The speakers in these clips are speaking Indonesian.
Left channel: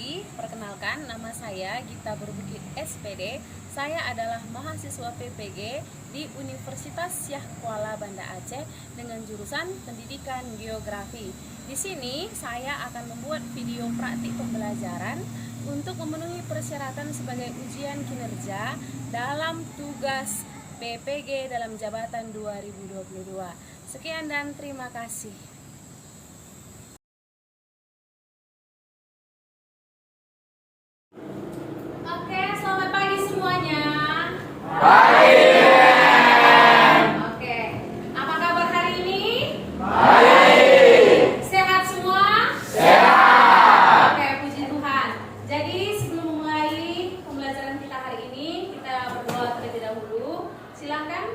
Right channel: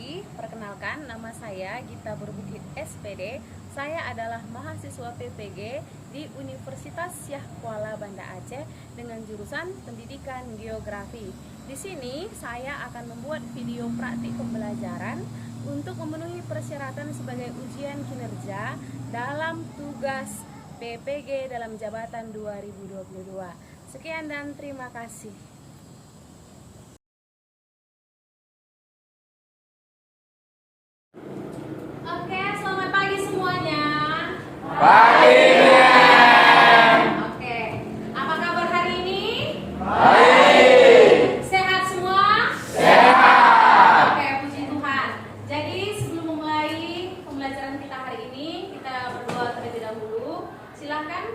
lagi. Perkenalkan, nama saya Gita Berbukit SPD. Saya adalah mahasiswa PPG di Universitas Syah Kuala Banda Aceh dengan jurusan Pendidikan Geografi. Di sini saya akan membuat video praktik pembelajaran untuk memenuhi persyaratan sebagai ujian kinerja dalam tugas PPG dalam jabatan 2022. Sekian dan terima kasih. Oke, selamat pagi semuanya. Oke, apa kabar hari ini? Sehat semua? Oke, puji Tuhan. Jadi sebelum memulai pembelajaran kita hari ini, kita berdoa terlebih dahulu. Silahkan,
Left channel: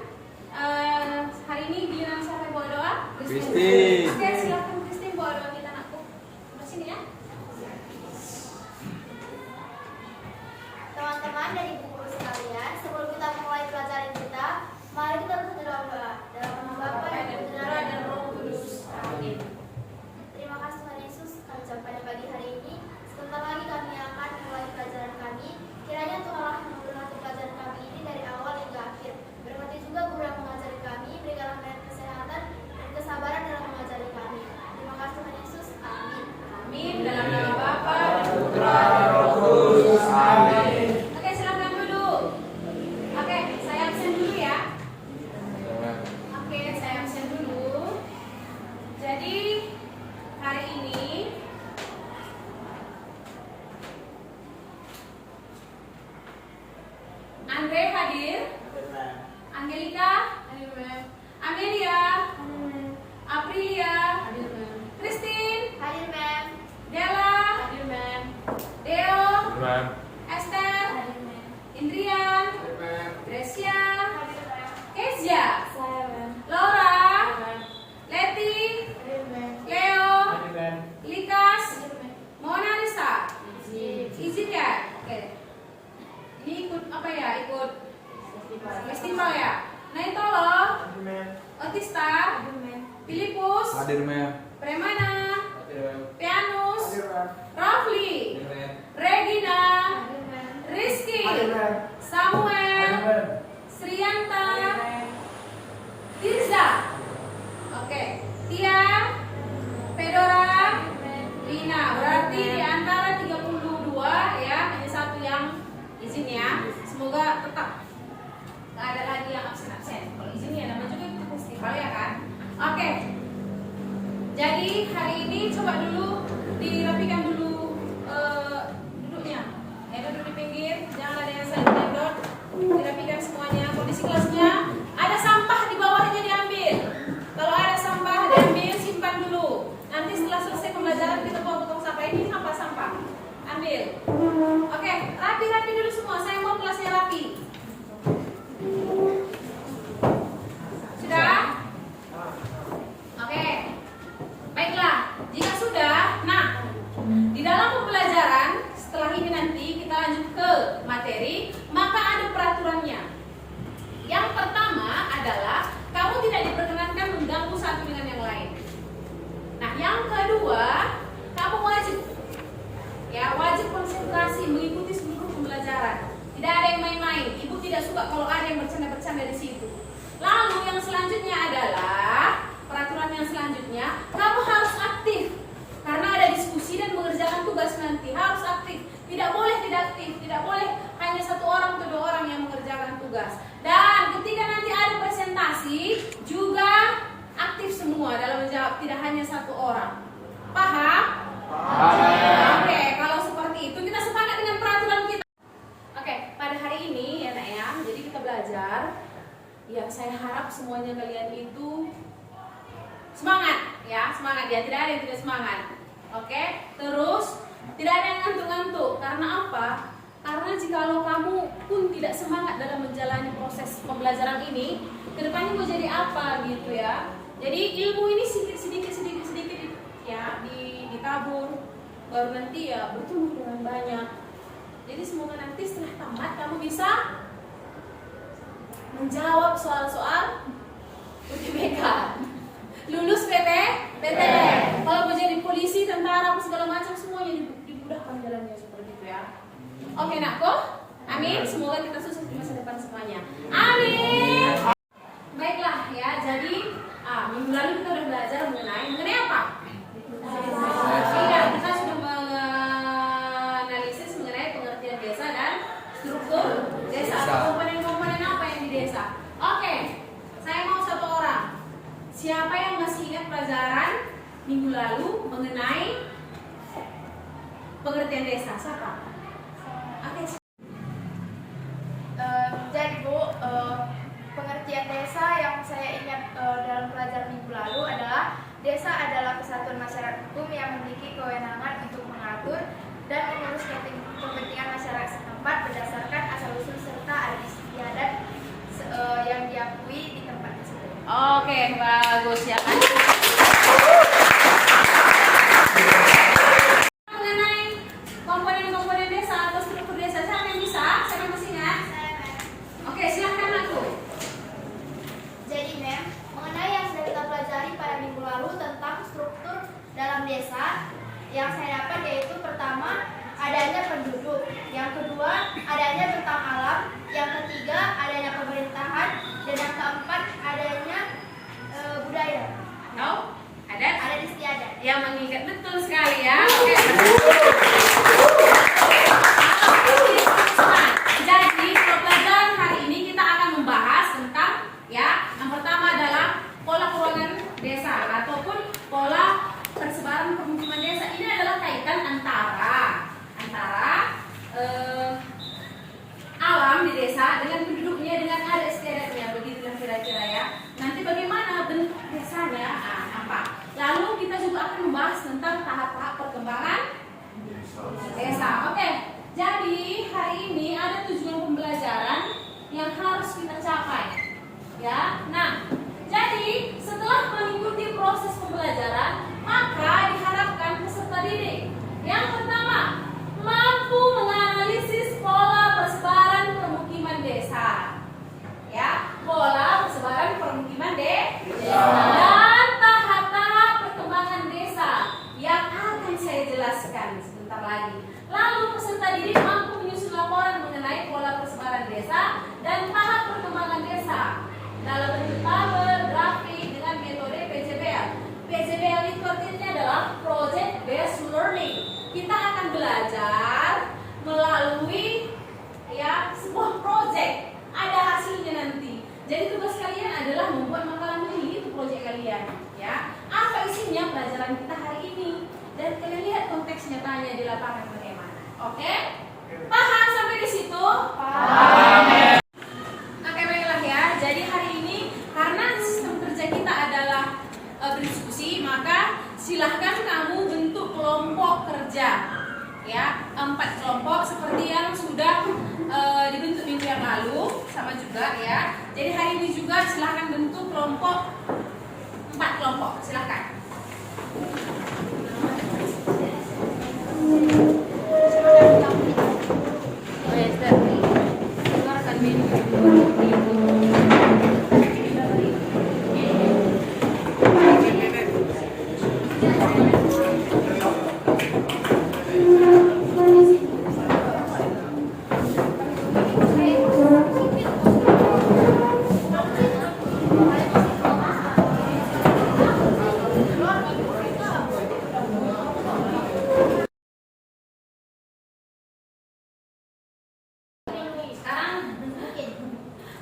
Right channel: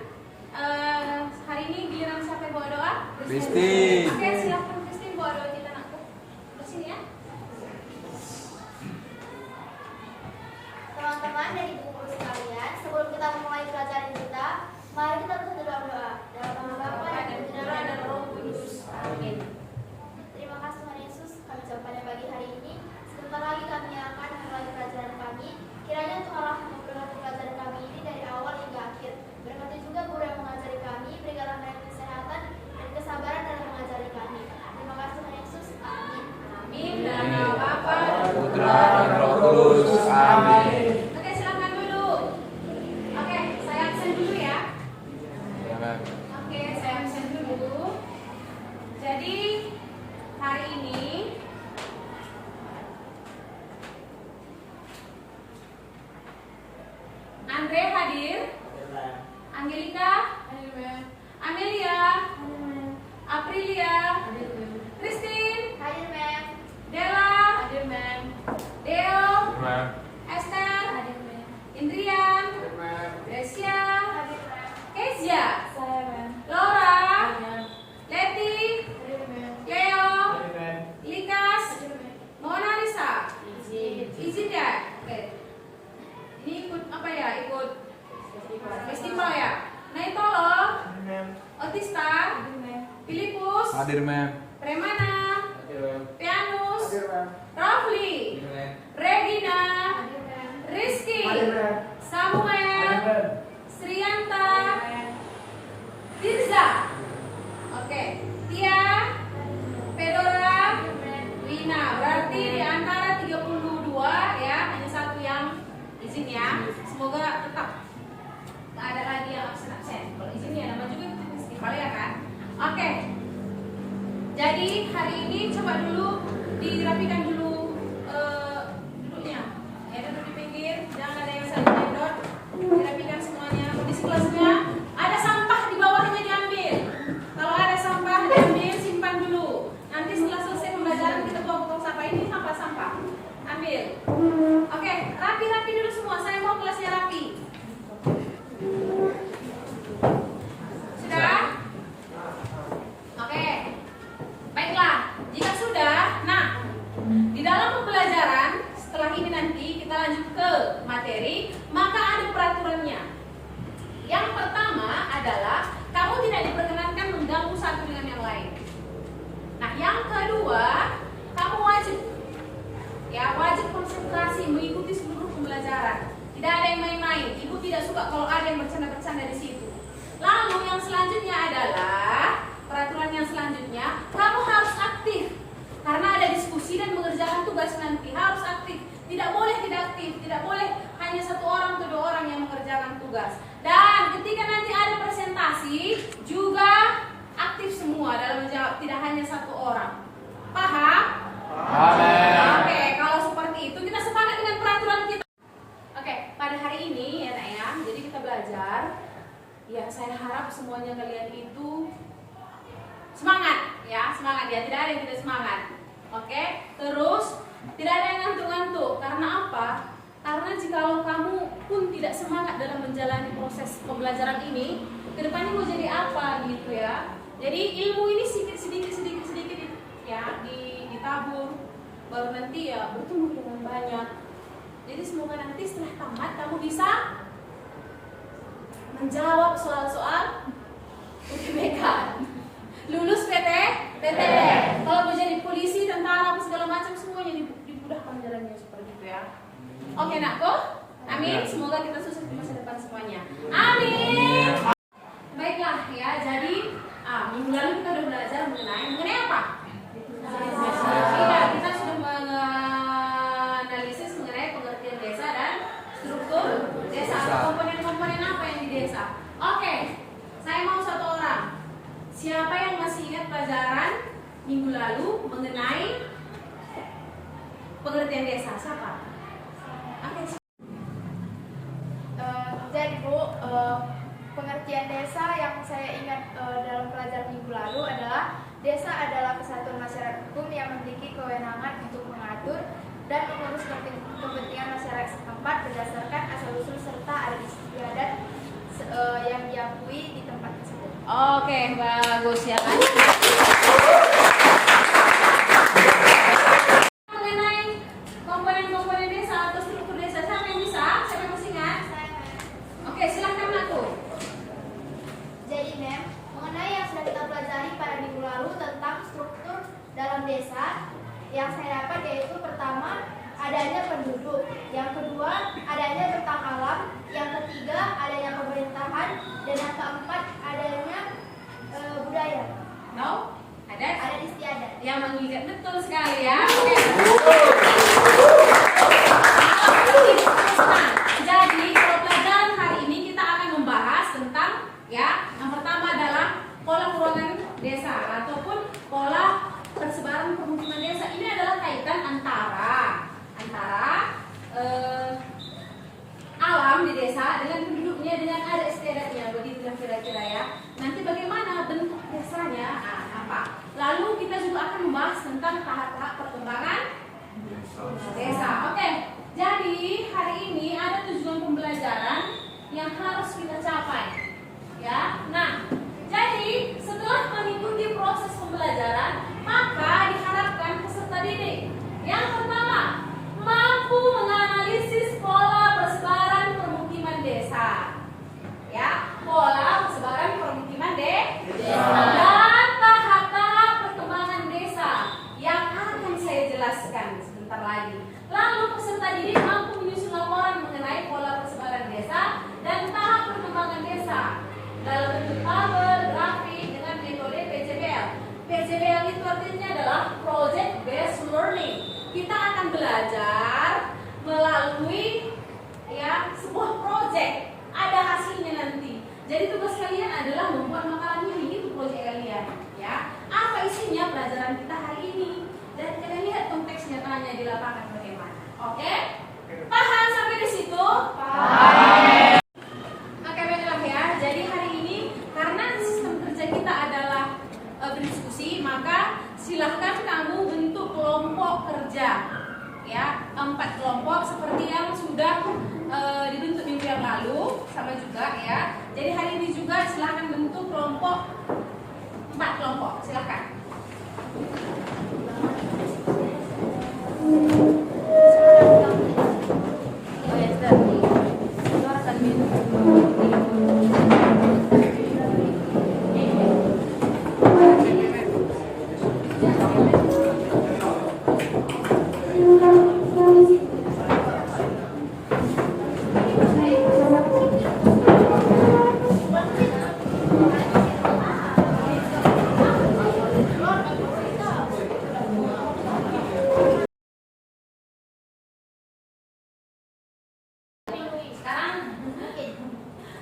hari ini giliran siapa yang bawa doa? Kristi. Oke, silahkan Kristi bawa doa kita, anakku. Udah sini ya. Teman-teman dan ibu guru sekalian, sebelum kita memulai pelajaran kita, mari kita berdoa. Dalam nama Bapa dan Putra dan Roh Kudus. Amin. Terima kasih Tuhan Yesus, kami jumpa pada pagi hari ini. Sebentar lagi kami akan memulai pelajaran kami. Kiranya Tuhanlah yang memberkati pelajaran kami ini dari awal hingga akhir. Berkati juga guru yang mengajari kami, berikanlah mereka kesehatan dan kesabaran dalam mengajari kami. Terima kasih Tuhan Yesus. Amin. Amin. Dalam nama Bapa dan Putra dan Roh Kudus. Amin. Oke, silakan duduk. Oke, saya absen dulu ya. Oke, saya absen dulu. Jadi hari ini Andre hadir. Angelika, Amelia, Aprilia, Christine, Hadir, Mem. Della, Deo, Esther, Hadir, Mem. Indrian, Gracia, Hadir, Mem. Kezia, Saya, Mem. Laura, Leti, Hadir, Mem. Leo, Likas, Hadir, Mem. Mona Lisa. Izin ya? Oke. Ini ikut apa ya? Ikut festival ya? Naitolo, Otista, Filipus, Hadir, Mem. Premana, Pianus, Rafli, Regina, Hadir, Mem. Rizky, Samuel, Srianta, Tirza. Oke, Tia, Pedora, Lina. Berarti di antara 32 ya, hanya satu yang izin ya. Semoga tetap nggak ada lagi yang absen-absen. Kalau izin ya namanya juga itu festival ya kan. Oke. Jadi hari ini coba dulu dirapikan dulu duduknya. Ya duduk di pinggir, jangan ada yang saling gedor. Dirapikan semuanya. Kondisi kelasnya ada sampah di bawahnya diambil. Kalau ada sampah diambil, simpan dulu. Nanti setelah selesai pembelajaran kita buang potong sampah ini sampah-sampah. Ambil. Oke, rapi-rapi dulu semua. Saya mau kelasnya rapi. Sudah? Oke. Baiklah, jika sudah, nah, di dalam pembelajaran setelah ini nanti kita lanjut ke materi, maka ada peraturannya. Yang pertama adalah kamu tidak diperkenankan mengganggu satu dengan yang lain. Nah, yang kedua, kamu wajib konsentrasi mengikuti seluruh pembelajaran. Tidak ada yang main-main. Ibu tidak suka kalau ada yang bercanda-bercanda di situ. Lalu yang selanjutnya adalah peraturan yang selanjutnya, kamu harus aktif karena ada diskusi dan mengerjakan tugas nanti. Harus aktif, tidak boleh tidak aktif, tidak boleh hanya satu orang atau dua orang yang mengerjakan tugas. Dan ketika nanti ada presentasi juga aktif semua dalam menjawab, tidak hanya satu orang. Paham? Oke, kalau seperti itu kita sepakat dengan peraturan kita. Oke, pada hari ini ya nak ya, jadi kita belajar. Ya, saya harap semuanya kalian itu semangat ya, semangat ya, tidak ada yang tidak semangat. Oke, terus tidak ada yang ngantuk-ngantuk. Karena apa? Karena jikalau kamu pun tidak semangat dalam menjalani proses pembelajaran ini, kedepannya mau jadi apa gitu ya. Jadi ilmu ini sedikit ya ditabur, baru nanti ya bertumbuh dengan banyak. Jadi semoga nanti setelah tamat kamu bisa menjawab soal-soal UTBK. Lulus PTN. Kalau mau jadi polisi, tentara, segala macam semuanya dimudahkan akan jalannya seperti itu ya. Oke nakku, amin. Semoga kita sukses di masa depan semuanya. Amin. Baiklah ya, jadi minggu lalu kita sudah belajar mengenai apa? Tidak, kita sudah menganalisis mengenai pengertian desa dan struktur desa. Komponen-komponen apa yang di desa? Oke, saya mau satu orang. Siapa yang masih ingat pelajaran minggu lalu mengenai pengertian desa? Siapa? Oke. Jadi Bu, pengertian desa yang saya ingat dalam pelajaran minggu lalu adalah desa adalah kesatuan masyarakat hukum yang memiliki kewenangan untuk mengatur dan mengurus kepentingan masyarakat setempat berdasarkan asal-usul serta adat istiadat yang diakui di tempat tersebut. Oke, bagus ya kan? Mengenai komponen-komponen desa atau struktur desa, siapa yang bisa? Siapa yang masih ingat? Oke, silakan aku. Jadi Mem, mengenai yang sudah kita pelajari pada minggu lalu tentang struktur dalam desa, yang saya dapat yaitu pertama adanya penduduk, yang kedua adanya tentang alam, yang ketiga adanya pemerintahan, dan yang keempat adanya budaya. No? Ada Istiadat. yang mengingat betul sekali ya. Oke. Jadi kalau pelajaran hari ini kita akan membahas tentang ya, yang pertama adalah pola keuangan desa ataupun pola persebaran permukiman desa. Ini adalah kaitan antara alam di desa dengan penduduknya, dengan adat istiadatnya, begitulah kira-kira ya. Nanti bagaimana bentuk desanya, apa? Lalu kita juga akan membahas tentang tahap-tahap perkembangan desa. Oke, jadi hari ini ada tujuan pembelajaran yang harus kita capai, ya. Nah, jadi setelah mengikuti proses pembelajaran, maka diharapkan peserta didik yang pertama mampu menganalisis pola persebaran permukiman desa, ya, pola persebaran permukiman desa dan tahap-tahap perkembangan desa yang akan saya jelaskan sebentar lagi. Lalu peserta didik mampu menyusun laporan mengenai pola persebaran desa dan tahap perkembangan desa dalam bentuk tabel, grafik dengan metode PJBL. PJBL itu artinya adalah Project Based Learning. Kita akan belajar melalui ya sebuah project, ada hasilnya nanti. Jadi tugas kalian adalah membuat makalah mini, itu project kalian, ya. Apa isinya pelajaran kita hari ini? Dan kalian lihat konteks nyatanya di lapangan bagaimana. Oke? Paham sampai di situ? Paham. Oke, baiklah ya. Jadi hari ini karena sistem kerja kita adalah berdiskusi, maka silahkan kamu bentuk kelompok kerja, ya, 4 kelompok seperti yang sudah dibentuk minggu yang lalu, sama juga ya. Jadi hari ini juga silahkan bentuk kelompok 4 kelompok, silahkan.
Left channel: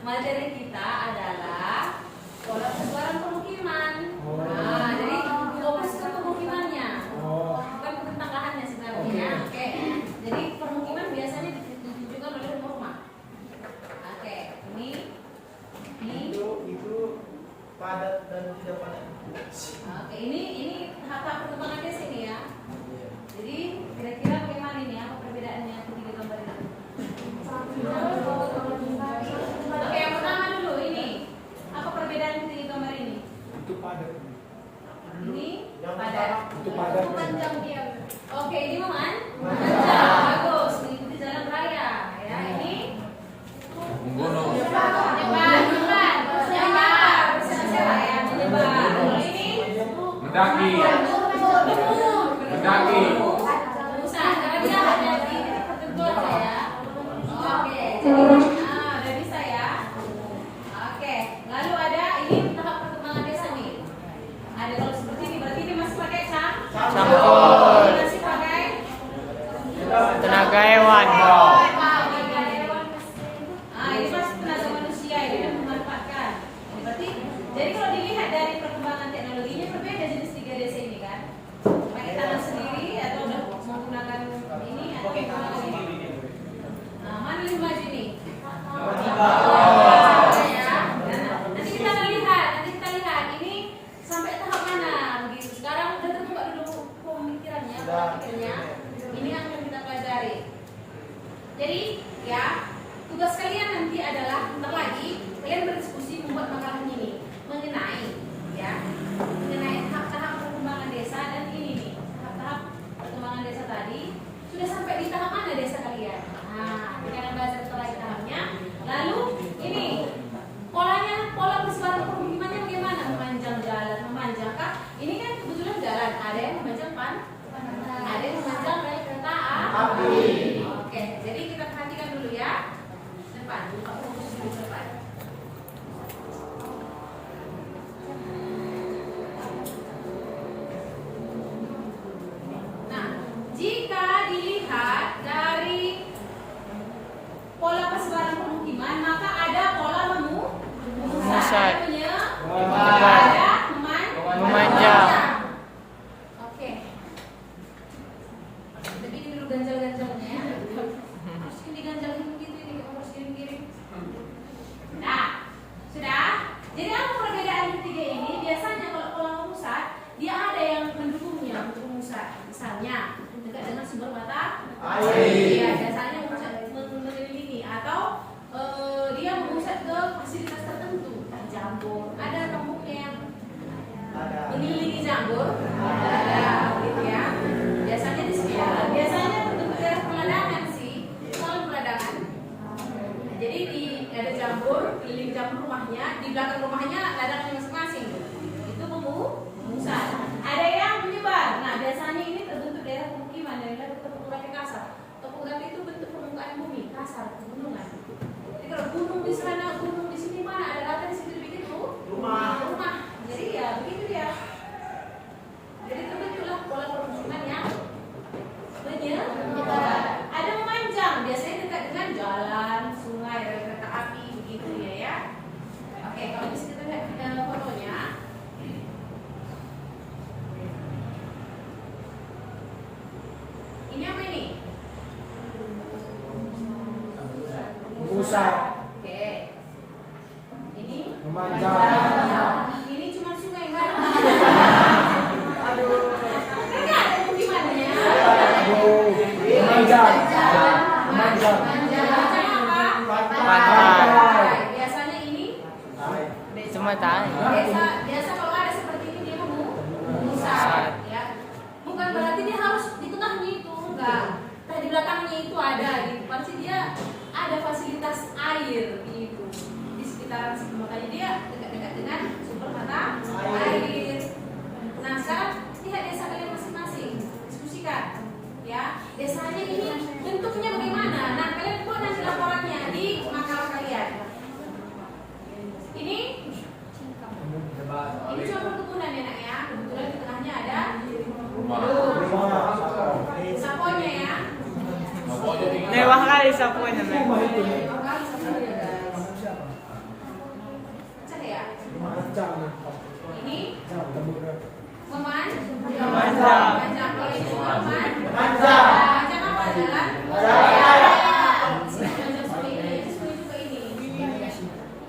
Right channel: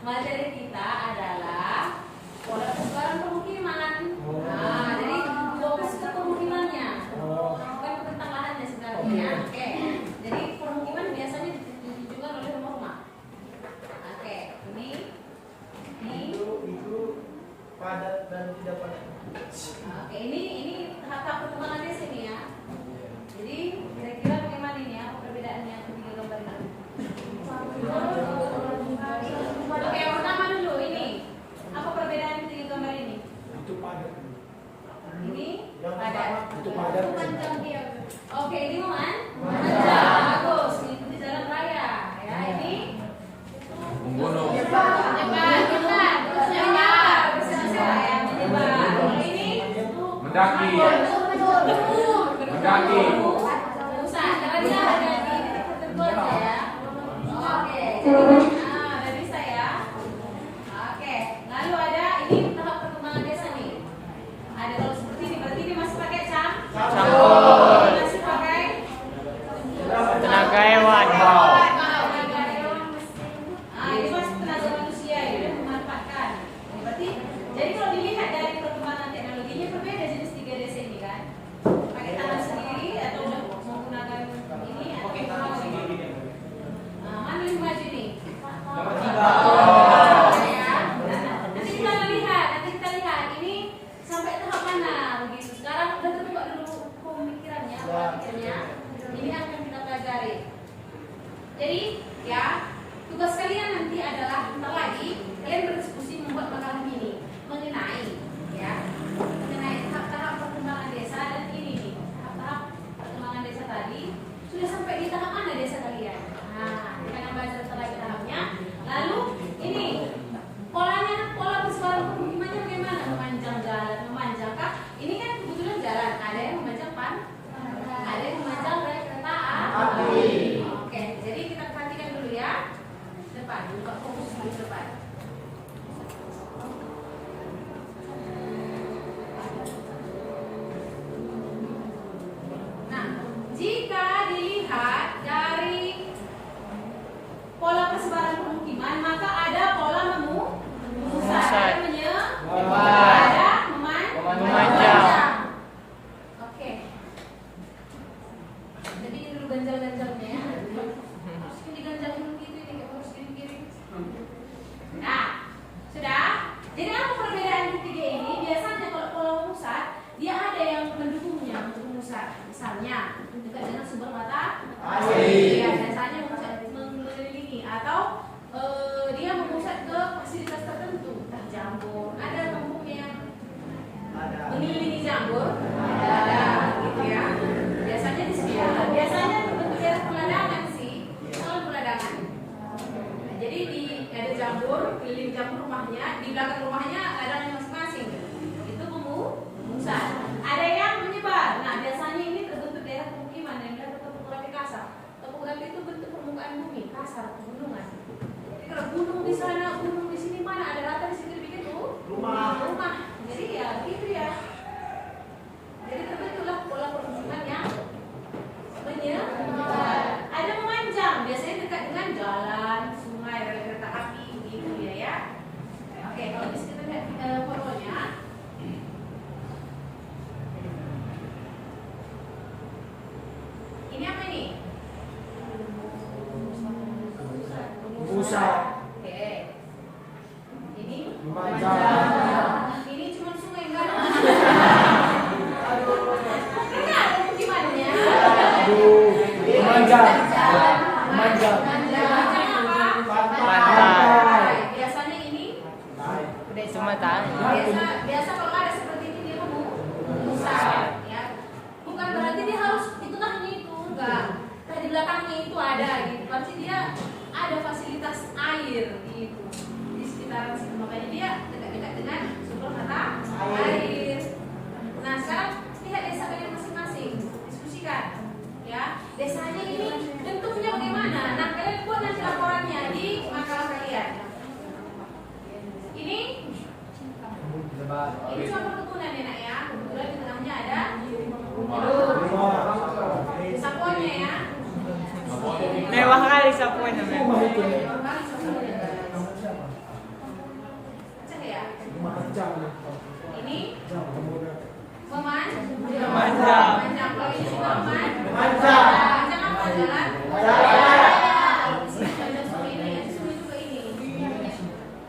Materi kita adalah pola persebaran permukiman. Nah, jadi fokus ke permukimannya, bukan ke tentang lahannya sebenarnya. Oke. Jadi permukiman biasanya ditunjukkan oleh rumah-rumah. Oke, ini itu padat dan tidak padat. Oke, ini tahap perkembangan desa ini ya. Jadi kira-kira bagaimana ini, apa perbedaannya ketiga gambar ini? Oke, yang pertama dulu ini. Apa perbedaan ketiga gambar ini? Itu padat. Ini padat. Itu padat. Oke, ini man? Manjang. Bagus. Mengikuti jalan raya. Ya, ini Gunung. menyebar. Bersama-sama ya, menyebar. Kalau ini Mendaki. Mendaki. usaha jalan-jalan. Akhirnya ini yang akan kita pelajari. Jadi ya, tugas kalian nanti adalah bentar lagi kalian berdiskusi membuat makalah ini mengenai tahap-tahap perkembangan desa. Dan ini nih, tahap-tahap perkembangan desa tadi sudah sampai di tahap mana desa kalian? Nah, kita akan bahas bentar lagi tahapnya. Lalu ini pola persebaran permukimannya bagaimana? Memanjang jalan, memanjang kah? Ini kan kebetulan jalan, ada yang memanjang ada yang memanjang rel kereta api. Oke, jadi kita perhatikan dulu ya. Depan, buka fokus dulu depan. Nah, jika dilihat dari pola persebaran permukiman, maka ada pola memusat, ada memanjang. Oke. Jadi ini dulu ganjal-ganjalnya ya. Harus ini diganjalin begitu, ini harus kiri-kiri. Nah, sudah. Jadi apa perbedaan ketiga ini? Biasanya kalau pola memusat, dia ada yang mendukungnya untuk memusat. Misalnya dekat dengan sumber mata air. Ya, biasanya mengelilingi atau dia memusat ke fasilitas tertentu, entah jambor, ada kampungnya mengelilingi jambor, ada gitu ya. Biasanya di sini, biasanya bentuk daerah peladangan sih, kalau peladangan. Nah, jadi ada jambor, keliling jambor rumahnya, di belakang rumahnya ladangnya masing-masing. Itu pemusat. Ada yang menyebar. Nah, biasanya ini terbentuk daerah pemukiman yang ada topografi kasar. Topografi itu bentuk permukaan bumi kasar, pegunungan. Jadi kalau gunung di sana, gunung di sini, mana ada rata di situ dibikin rumah. Jadi ya begitu dia. Jadi terbentuklah pola permukiman yang menyebar. Ada memanjang, biasanya dekat dengan jalan, sungai, rel kereta api, begitu ya. Oke, kalau di sini kita lihat fotonya. Ini apa ini? Pusat. Oke. Ini Memanjang. Ini cuma sungai kan? Mereka ada pemukimannya. Memanjang. Memanjang. Memanjang apa? Pantai. Biasanya ini Sumatera. biasa kalau ada seperti ini dia memusat ya. Bukan berarti dia harus di tengahnya itu, enggak. Nah, di belakangnya itu ada gitu. Pasti dia ada fasilitas air gitu di sekitaran situ. Makanya dia dekat-dekat dengan sumber mata air. Nah, sekarang lihat desa kalian masing-masing, diskusikan ya. Desanya ini bentuknya bagaimana? Nah, kalian buat nanti laporannya di makalah kalian. Ini cuma perkebunan ya nak ya. Kebetulan di tengahnya ada saponya ya. Mewah kali sapunya memang. Mewah kali saponya guys. Cek ya. Ini memanjang. Kalau ini memanjang apa jalan? Memanjang seperti ini, seperti juga ini.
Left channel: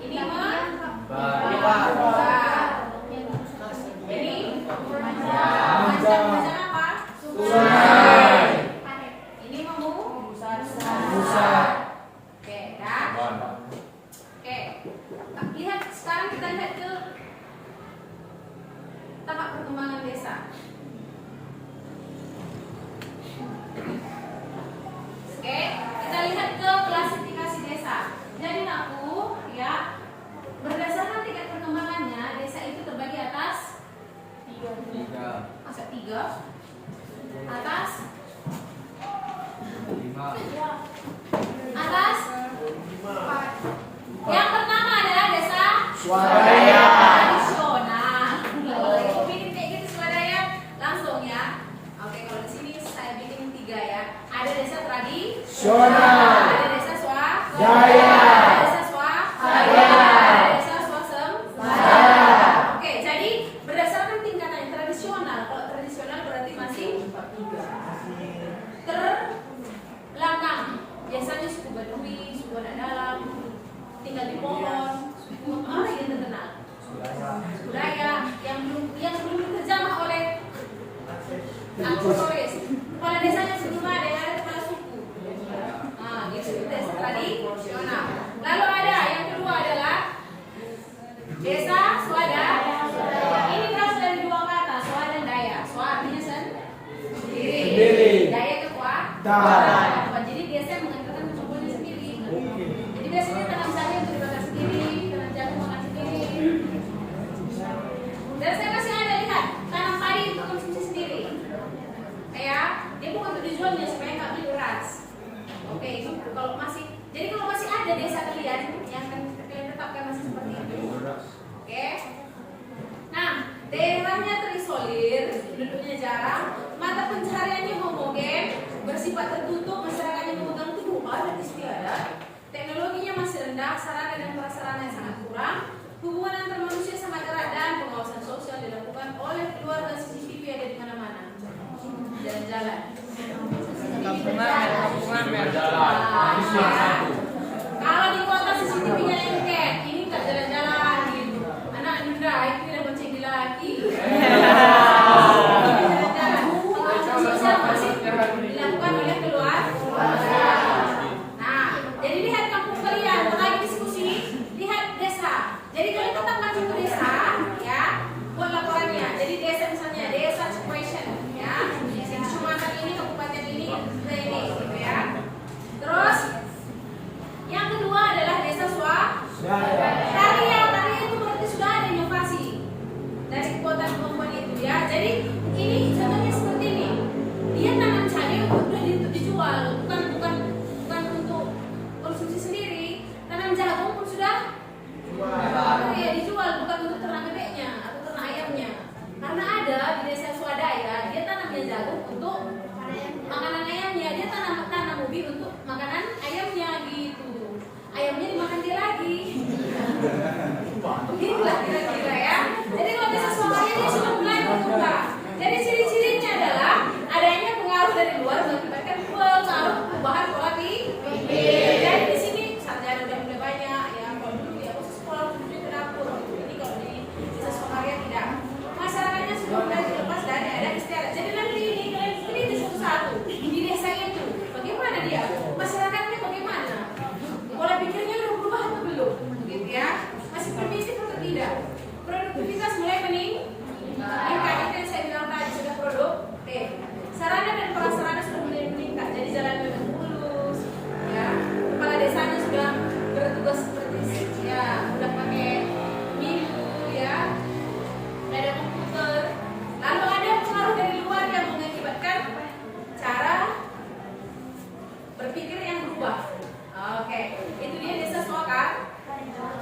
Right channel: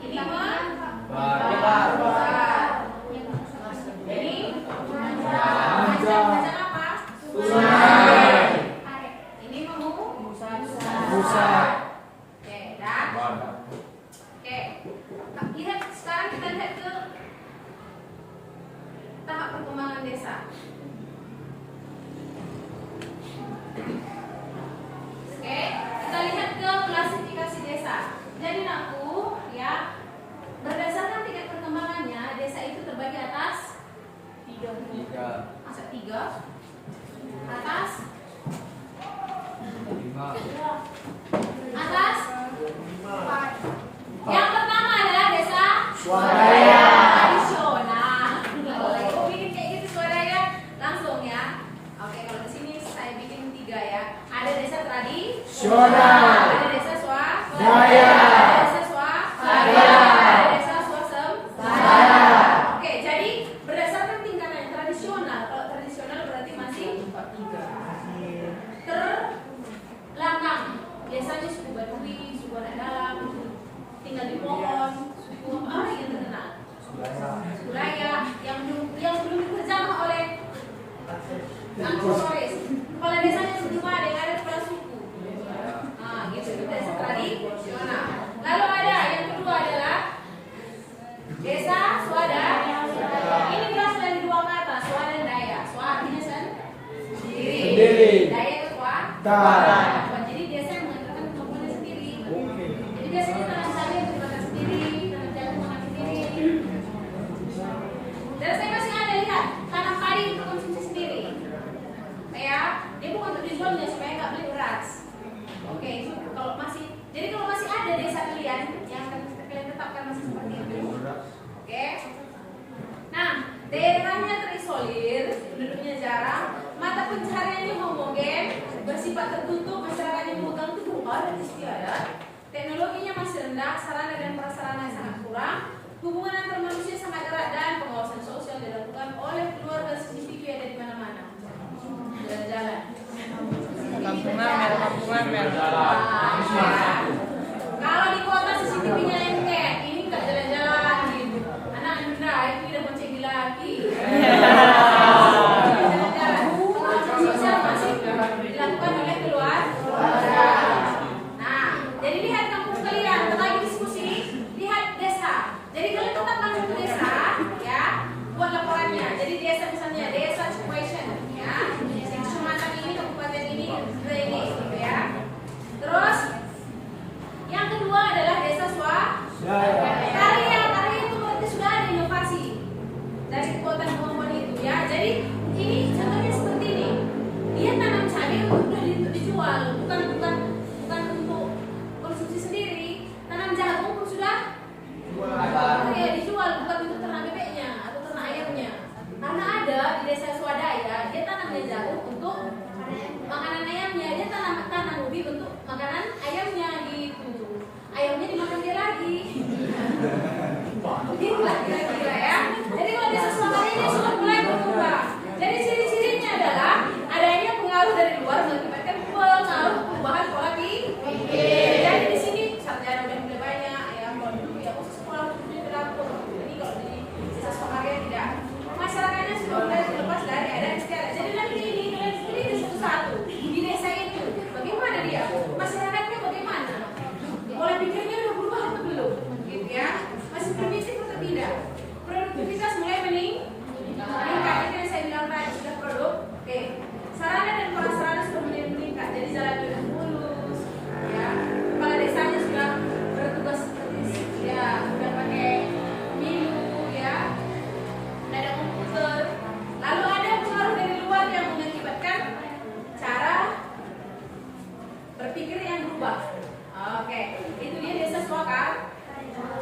Ini memanjang apa? Sungai. Ini memusat. Oke, dah. Oke. Lihat sekarang kita lihat ke tahap perkembangan desa. Oke, kita lihat ke klasifikasi desa. Jadi aku ya, berdasarkan tingkat perkembangannya, desa itu terbagi atas 3. Masa 3? Atas 5. Atas 4. Yang pertama adalah desa Swadaya. tradisional. Kalau bikin kayak gitu swadaya langsung ya. Oke, kalau di sini saya bikin 3 ya. Ada desa tradisional, ada desa swadaya, ada desa swadaya, ada desa swasembada. Oke, jadi berdasarkan tingkatan tradisional. Kalau tradisional berarti masih terbelakang. Biasanya suku Baduy, suku anak dalam, tinggal di pohon, suku apa yang terkenal? Budaya yang belum diterjamah oleh Anglo-Lois. Kepala desanya sebelum ada yang ada kepala suku. Nah, gitu itu desa tradisional. Lalu ada yang kedua adalah desa swada. Ini berasal dari dua kata, swada dan daya. Swa artinya sendiri. Daya kekuatan. Jadi desa yang mengatakan contohnya sendiri. Jadi biasanya tanam sari yang dibakar sendiri, tanam jagung makan sendiri. Dan saya masih ada lihat tanam padi untuk konsumsi sendiri. Ya, dia bukan untuk dijualnya supaya nggak beli beras. Oke, itu kalau masih. Jadi kalau masih ada desa kalian yang akan kalian tetapkan masih seperti itu. Oke. Nah, daerahnya terisolir, penduduknya jarang, mata pencahariannya homogen, bersifat tertutup, masyarakatnya memegang teguh adat istiadat, teknologinya masih rendah, sarana dan prasarana sangat kurang, hubungan antar manusia sangat erat dan pengawasan sosial dilakukan oleh keluarga CCTV ada di mana-mana. Jalan-jalan. Kampung Amel. Kalau di kota CCTV-nya lengket, ini nggak jalan-jalan gitu. Anak muda itu tidak bonceng laki. Jalan-jalan. Pengawasan sosial masih dilakukan oleh keluarga. Nah, jadi lihat kampung kalian, lagi diskusi, lihat desa. Jadi kalian tetap masuk ke desa, ya, buat laporannya. Jadi desa misalnya desa situation, ya, Sumatera ini, kabupaten ini, gitu ya. Terus yang kedua adalah desa karya itu berarti sudah ada inovasi dari kekuatan kemampuan itu, ya. Jadi ini contohnya seperti ini. Dia tanam cabai untuk dijual, bukan untuk konsumsi sendiri. Tanam jagung pun sudah dijual, bukan untuk ternak bebeknya atau ternak ayamnya. Karena ada di desa swadaya, dia tanamnya jagung untuk makanan ayamnya, dia tanam ubi untuk makanan ayamnya gitu. Ayamnya dimakan dia lagi. Begitulah kira-kira, ya. Jadi kalau desa swadaya dia sudah mulai berkembang. Jadi ciri-cirinya adalah adanya pengaruh dari luar mengakibatkan pengaruh perubahan pola pikir. Jadi di sini sarjana udah mulai banyak, ya. Kalau dulu ya khusus sekolah di dapur. Jadi kalau di desa swadaya tidak. Masyarakatnya sudah mulai terlepas dari adat istiadat. Jadi nanti ini kalian pilih satu-satu di desa itu. Bagaimana dia? Masyarakatnya bagaimana? Pola pikirnya udah berubah atau belum? Gitu, ya. Masih primitif atau tidak? Produktivitas mulai meningkat. Itu yang saya bilang tadi sudah produktif. Sarana dan prasarana sudah mulai meningkat. Jadi jalan sudah mulus, ya. Kepala desanya sudah bertugas seperti ya, udah pakai minu, ya. Ada komputer. Lalu ada pengaruh dari luar yang mengakibatkan cara berpikir yang berubah. Oke, itu dia desa swakar.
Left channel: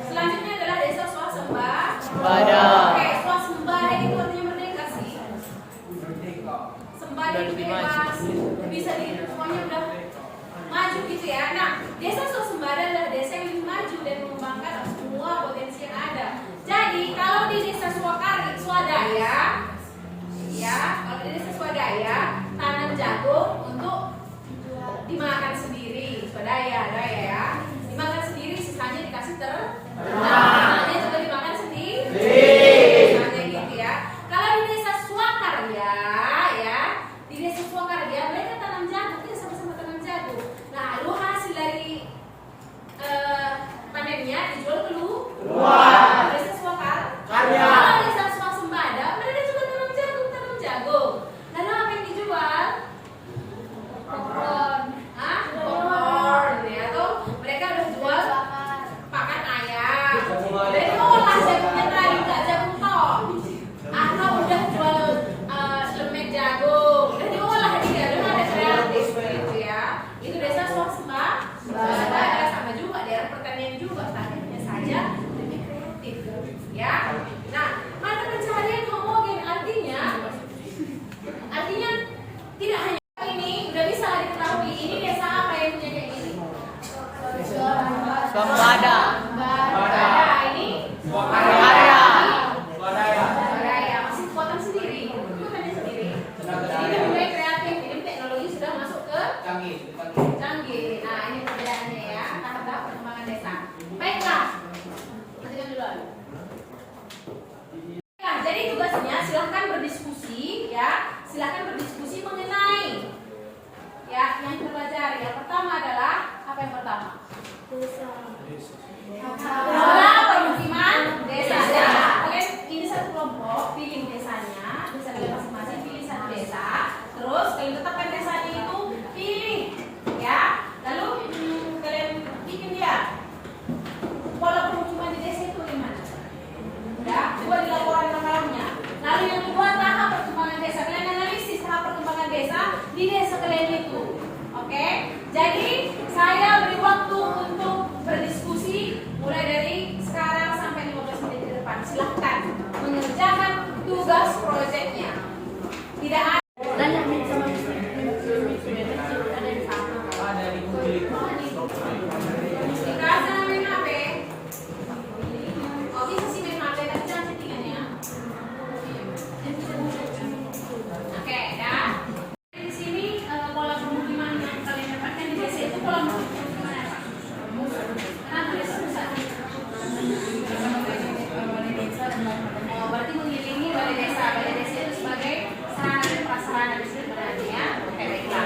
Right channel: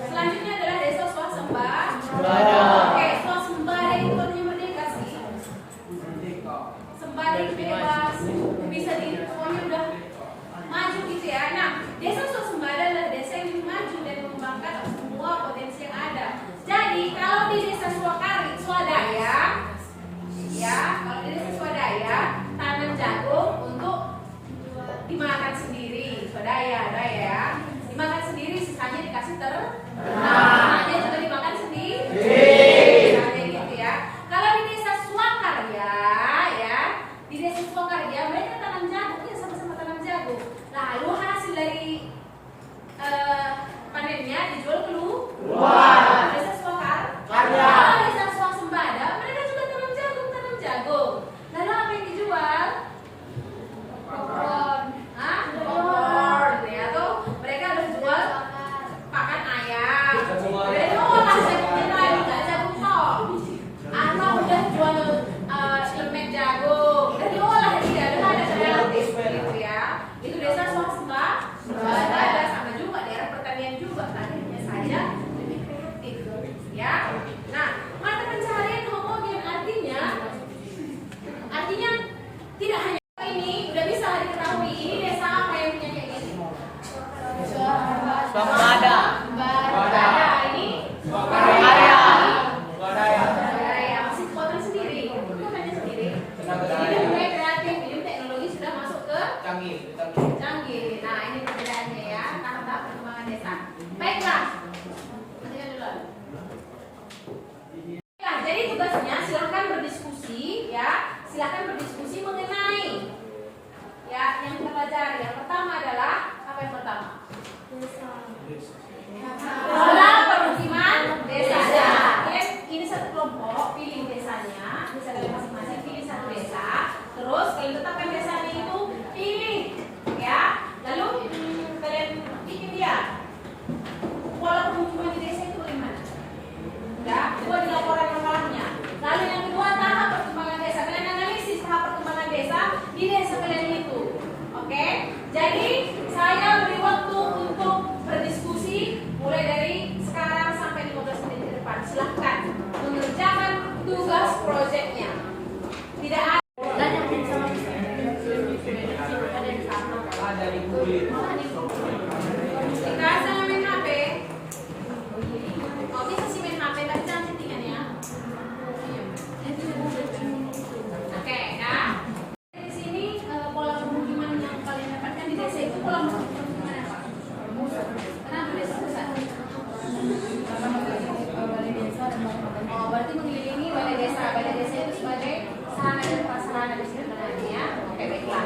Selanjutnya adalah desa swasembada. Oke, swasembada itu artinya merdeka sih. Sembada itu bebas, bisa pokoknya udah maju gitu, ya. Nah, desa swasembada adalah desa yang lebih maju dan mengembangkan semua potensi yang ada. Jadi kalau di desa swadaya, ya, kalau di desa swadaya tanam jagung untuk dimakan sendiri, swadaya, ya, dimakan sendiri, sisanya dikasih dia juga dimakan sendiri, nah, gitu, ya. Kalau di desa swakarya, ya, di desa swakarya mereka tanam jagung, ya, sama-sama tanam jagung. Lalu hasil dari panennya dijual keluar. Desa swakarya, desa swasembada mereka juga tanam jagung. Lalu apa yang dijual? Popcorn, ya, tuh mereka udah jual pakan ayam. Jadi olah jagungnya tadi, nggak jagung tok. Atau udah jual lemek jagung, udah diolah dia, udah ada kreatif gitu, ya. Itu desa swasembada, sama juga daerah pertanian juga, tapi hanya saja lebih kreatif, ya. Nah, mata pencaharian homogen artinya tidak hanya ini udah bisa diketahui ini desa apa yang punya kayak gini. Swasembada. Ini ya, masih kekuatan sendiri, kekuatannya sendiri. Ini mulai kreatif, ini teknologi sudah masuk ke canggih. Nah, ini perbedaannya, ya, tahap perkembangan desa. Baiklah, matikan dulu. Nah, jadi tugasnya silahkan berdiskusi, ya, silahkan berdiskusi mengenai Jadi saya beri waktu untuk berdiskusi mulai dari sekarang sampai 15 menit ke depan. Silahkan mengerjakan tugas proyeknya. Tidak ada. Berarti mengelilingi balai desa. Balai desa itu sebagai sarana dan prasarana di sini ya. Oke, baiklah.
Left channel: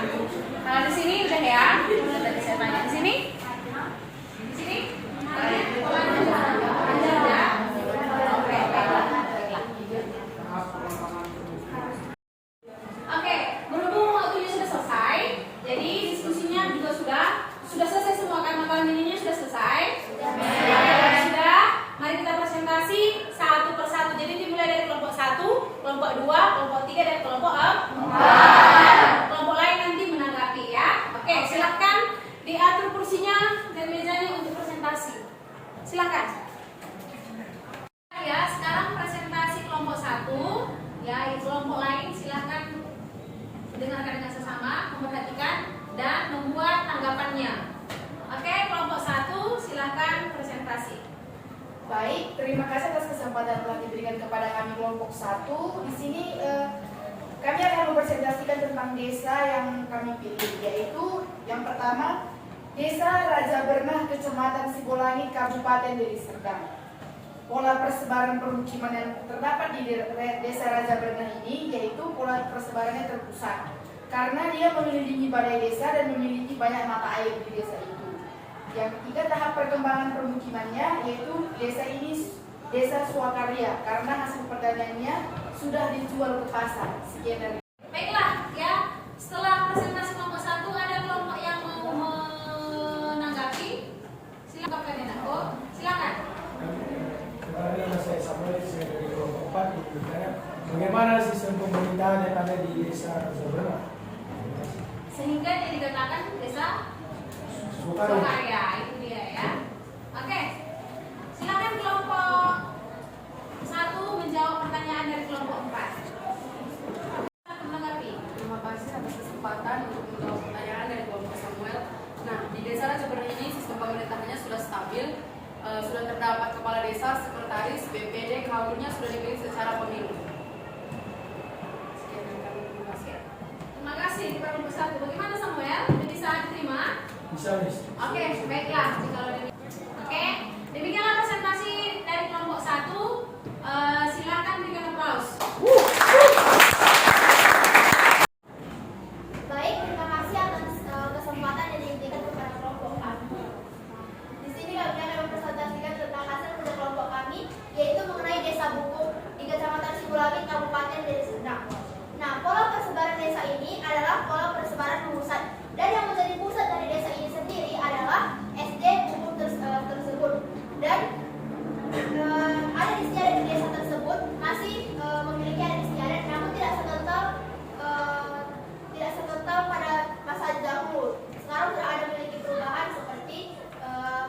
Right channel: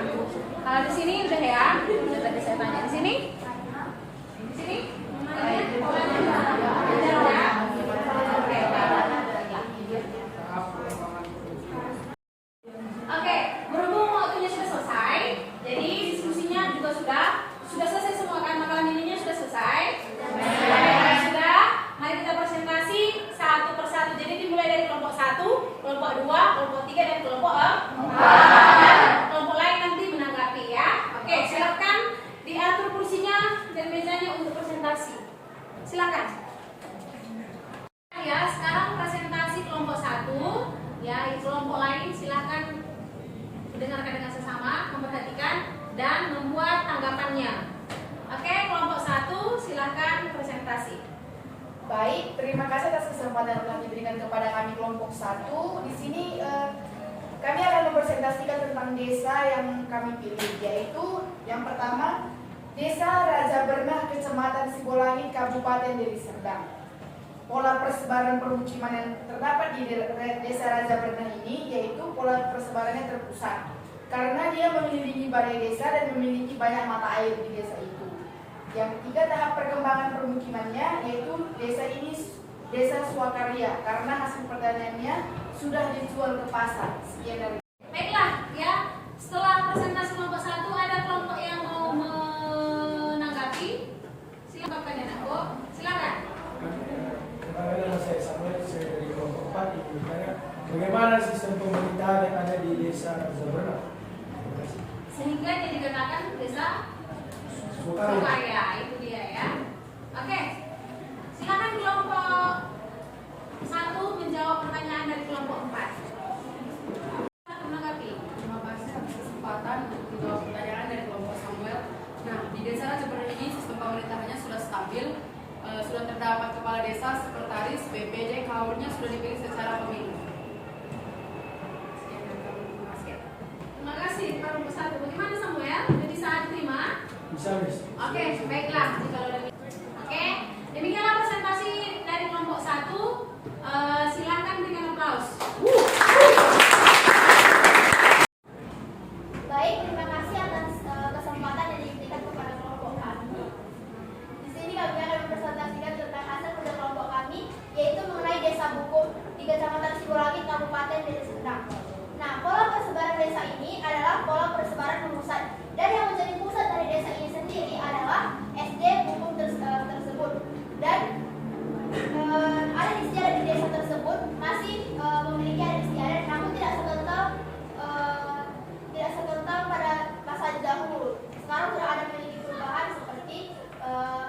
Kalau di sini udah ya. Tadi saya tanya di sini. Di sini. Polanya ada ya. Oke, baiklah. Oke, berhubung waktunya sudah selesai, jadi diskusinya juga sudah selesai semua kan, makalah nilainya sudah selesai. Sudah. Mari kita presentasi satu persatu. Jadi dimulai dari kelompok 1, kelompok 2, kelompok 3 dan kelompok 4. Kelompok lain nanti menanggapi ya. Oke, silakan diatur kursinya dan mejanya untuk presentasi. Silakan. Ya, sekarang presentasi kelompok 1. Ya, kelompok lain silakan dengarkan dengan sesama, memperhatikan dan membuat tanggapannya. Oke, kelompok 1 silakan presentasi. Baik, terima kasih atas kesempatan yang telah diberikan kepada kami kelompok 1. Di sini kami akan mempresentasikan tentang desa yang kami pilih, yaitu yang pertama Desa Raja Bernah, Kecamatan Sibolangit, Kabupaten Deli Serdang. Pola persebaran permukiman yang terdapat di Desa Raja Bernah ini yaitu pola persebarannya terpusat karena dia mengelilingi balai desa dan memiliki banyak mata air di desa itu. Yang ketiga, tahap perkembangan permukimannya yaitu desa ini desa swakarya karena hasil pertaniannya sudah dijual ke pasar. Sekian dari. Baiklah ya, setelah presentasi kelompok 1 ada kelompok yang mau menanggapi. Silakan Kak Denako, silakan. Nama saya Samuel, saya dari kelompok 4 itu bertanya bagaimana sistem pemerintahan yang ada di desa Raja Bernah. Sehingga dia dikatakan desa Swakarya, itu dia ya. Oke, silakan kelompok 1 menjawab pertanyaan dari kelompok 4. Menanggapi. Terima kasih atas kesempatan untuk menjawab pertanyaan dari kelompok Samuel. Nah, di desa Raja Bernah ini sistem pemerintahannya sudah stabil, sudah terdapat kepala desa, sekretaris, BPD, KAUR-nya sudah dipilih secara pemilu. Terima kasih kepada kelompok 1. Bagaimana Samuel? Sudah bisa diterima? Bisa, Miss. Oke, baiklah. Oke, demikianlah presentasi dari kelompok 1. Silakan berikan aplaus. Baik, terima kasih atas kesempatan yang diberikan kepada kelompok kami. Di sini kami akan mempresentasikan tentang hasil kerja kelompok kami, yaitu mengenai Desa Buku di Kecamatan Sibolangit, Kabupaten Deli Serdang. Nah, pola persebaran desa ini adalah pola persebaran pusat, dan yang menjadi pusat dari desa ini sendiri adalah SD Buku tersebut. Dan ada istiadat di desa tersebut masih memiliki adat istiadat, namun tidak sekental pada masa dahulu. Sekarang sudah ada memiliki perubahan seperti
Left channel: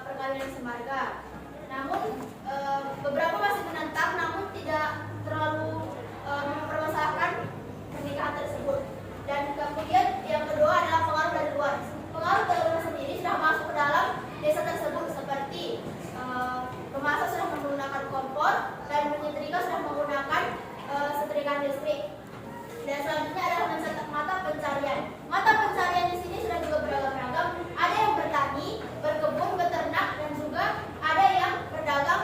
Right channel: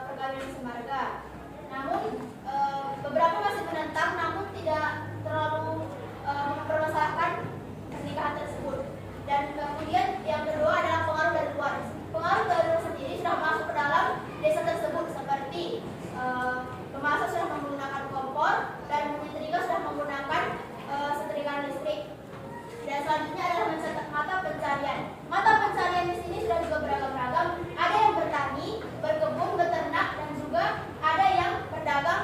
perkawinan semarga. Namun beberapa masih menentang, namun tidak terlalu mempermasalahkan pernikahan tersebut. Dan kemudian yang kedua adalah pengaruh dari luar. Pengaruh dari luar sendiri sudah masuk ke dalam desa tersebut seperti pemasak sudah menggunakan kompor dan menyetrika sudah menggunakan setrikaan listrik. Dan selanjutnya adalah mencatat mata pencarian. Mata pencarian di sini sudah juga beragam-ragam. Ada yang bertani, berkebun, beternak, dan juga ada yang berdagang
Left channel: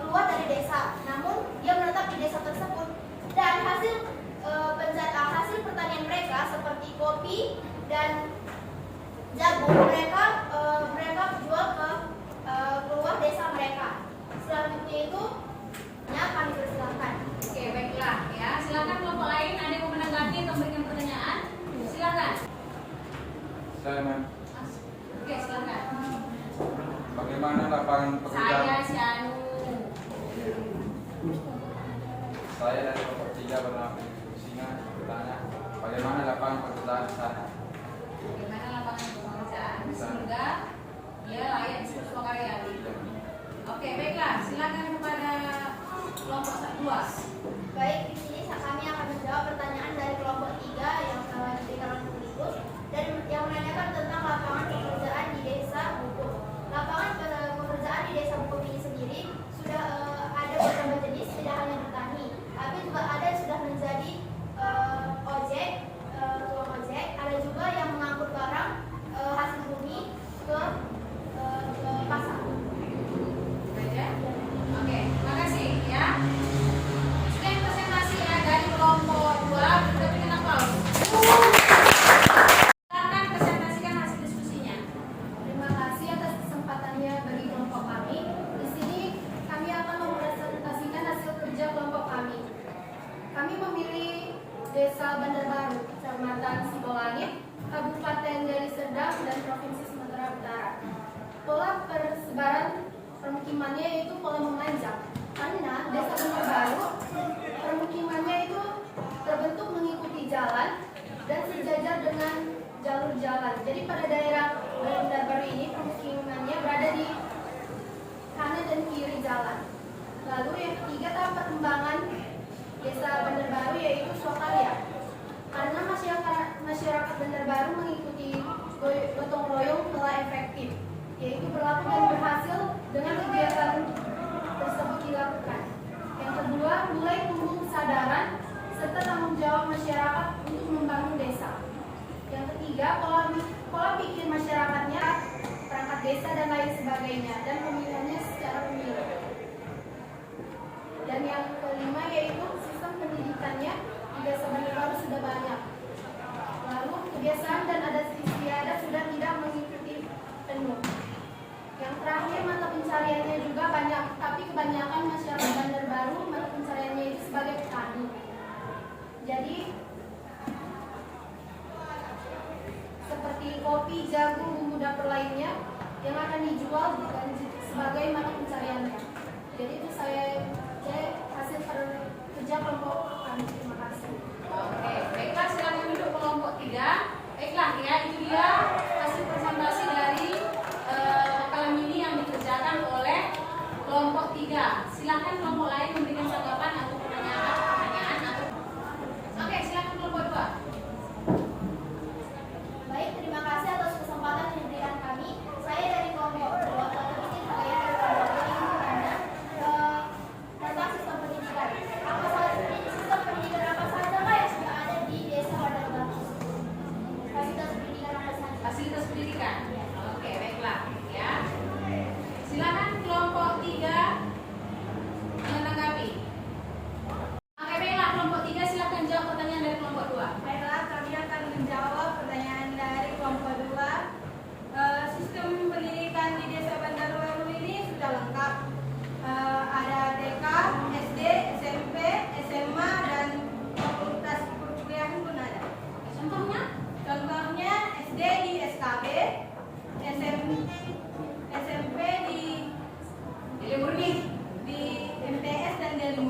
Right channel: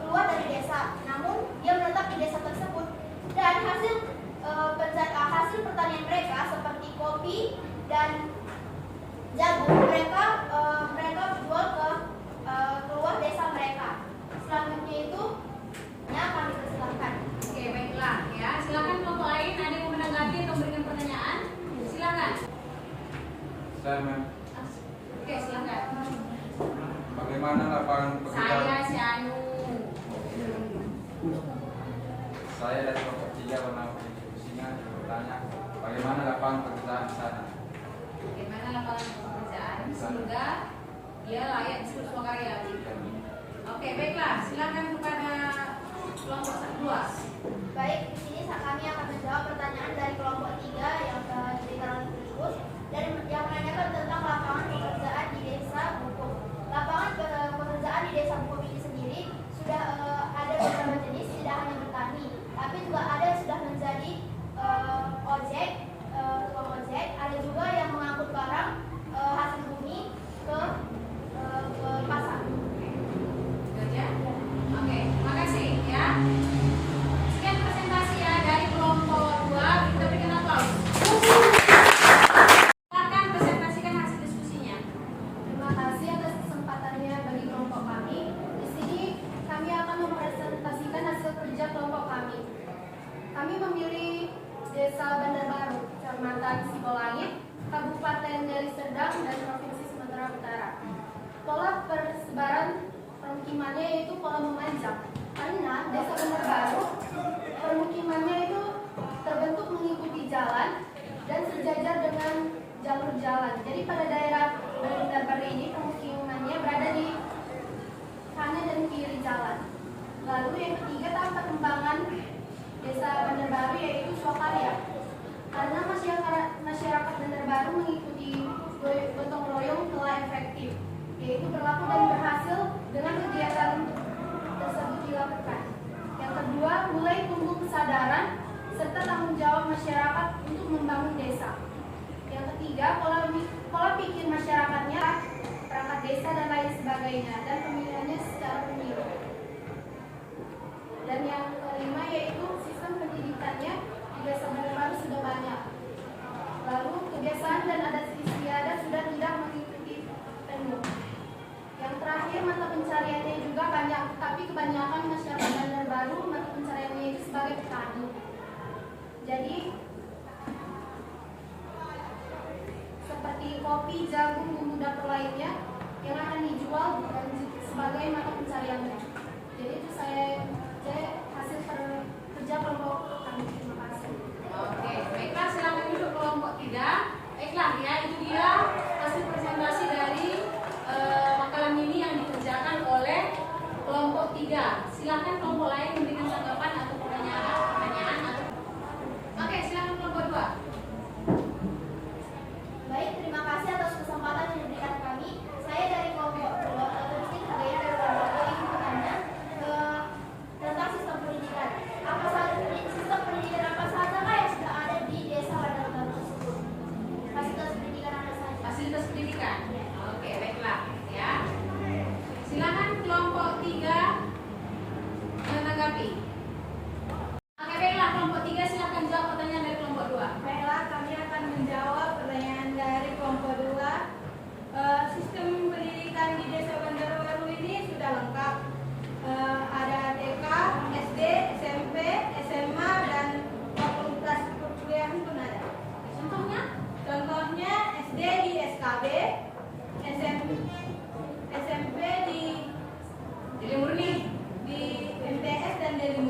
keluar dari desa. Namun dia menetap di desa tersebut. Dan hasil pertanian mereka seperti kopi dan jagung mereka jual ke keluar desa mereka. Selanjutnya itu kami persilahkan. Oke, baiklah ya. Silakan kelompok lain ada yang mau menanggapi atau memberikan pertanyaan? Silakan. Saya Mem. Oke, silakan. Bagaimana lapangan pekerjaan? Saya si Anu. Saya dari kelompok 3 pernah diskusinya bertanya bagaimana lapangan pekerjaan di sana. Bagaimana lapangan pekerjaan? surga, dia layak disebut swakaryawi. Oke, baiklah, silakan kepada kelompok 2. Baik, di sini kami akan menjawab pertanyaan dari kelompok 3 yang telah diberikan oleh berikut dan yang menanyakan tentang lapangan pekerjaan di desa Bukup. Lapangan pekerjaan di desa Bukup ini sendiri sudah ada beberapa jenis, tidak hanya bertani, tapi juga ada yang sudah menjadi ojek, tukang ojek, ada juga yang mengangkut barang hasil bumi ke pasar. Saja. Oke, makasih ya. Sekian presentasi ya dari kelompok 2. Kita berikan aplaus. Silakan presentasikan hasil diskusinya. Terima kasih atas kesempatannya bagi kelompok kami. Di sini kami akan mempresentasikan hasil kerja kelompok kami. Kami memilih Desa Bandar Baru, Kecamatan Sibolangit, Kabupaten Deli Serdang, dan Provinsi Sumatera Utara. Pola persebaran permukimannya yaitu pola memanjang. Karena Desa Bandar Baru permukimannya itu terbentuk mengikuti jalan dan sejajar dengan jalur jalan. Jadi pada daerah Bandar Baru ini permukimannya berada di kanan dan kiri jalan. Lalu yang ketiga tahap perkembangan Desa Bandar Baru yaitu swakarya. Karena masyarakat Bandar Baru mengikuti gotong royong telah efektif, yaitu berlaku dan berhasil dengan kegiatan tersebut dilakukan. Yang kedua, mulai tumbuh kesadaran serta tanggung jawab masyarakat untuk membangun desa. Yang ketiga, pola pikir masyarakatnya, perangkat desa dan lain sebagainya, dan pemilihannya secara pemilu. Dan yang kelima yaitu sistem pendidikannya di Desa Bandar Baru sudah banyak. Lalu kebiasaan dan adat istiadat sudah tidak mengikuti penuh. Yang terakhir mata pencariannya juga banyak, tapi kebanyakan masyarakat Bandar Baru mata pencariannya itu sebagai petani. Jadi seperti kopi, jagung, bumbu dapur lainnya yang akan dijual dan sebagai mata pencariannya. Jadi itu saya hasil kerja kelompok kami. Terima kasih. Oke, baiklah, silakan duduk kelompok 3. Baiklah ya, itu dia hasil presentasi dari makalah mini yang dikerjakan oleh kelompok 3. Silakan kelompok lain memberikan tanggapan atau pertanyaan atau oke, silakan kelompok 2. Baik, terima kasih atas kesempatan yang diberikan kami. Saya dari kelompok 2, terpilih sebagai kelompok 2 ingin bertanya tentang sistem pendidikan. Sistem pendidikan apa saja yang sudah ada di Desa Bandar Baru? Fasilitas pendidikan apa saja? Fasilitas pendidikan. Oke, baiklah ya. Silakan kelompok 3 menanggapi. Oke, baiklah kelompok 3 silakan jawab pertanyaan dari kelompok 2. Baiklah, kami akan menjawab pertanyaan dari kelompok 2. Sistem pendidikan di Desa Bandar Baru ini sudah lengkap. Ada TK, SD, SMP, SMA, dan fakultas perkuliahan pun ada. Contohnya SD di SKB, SMP di Deli Murni. MTS dan Deli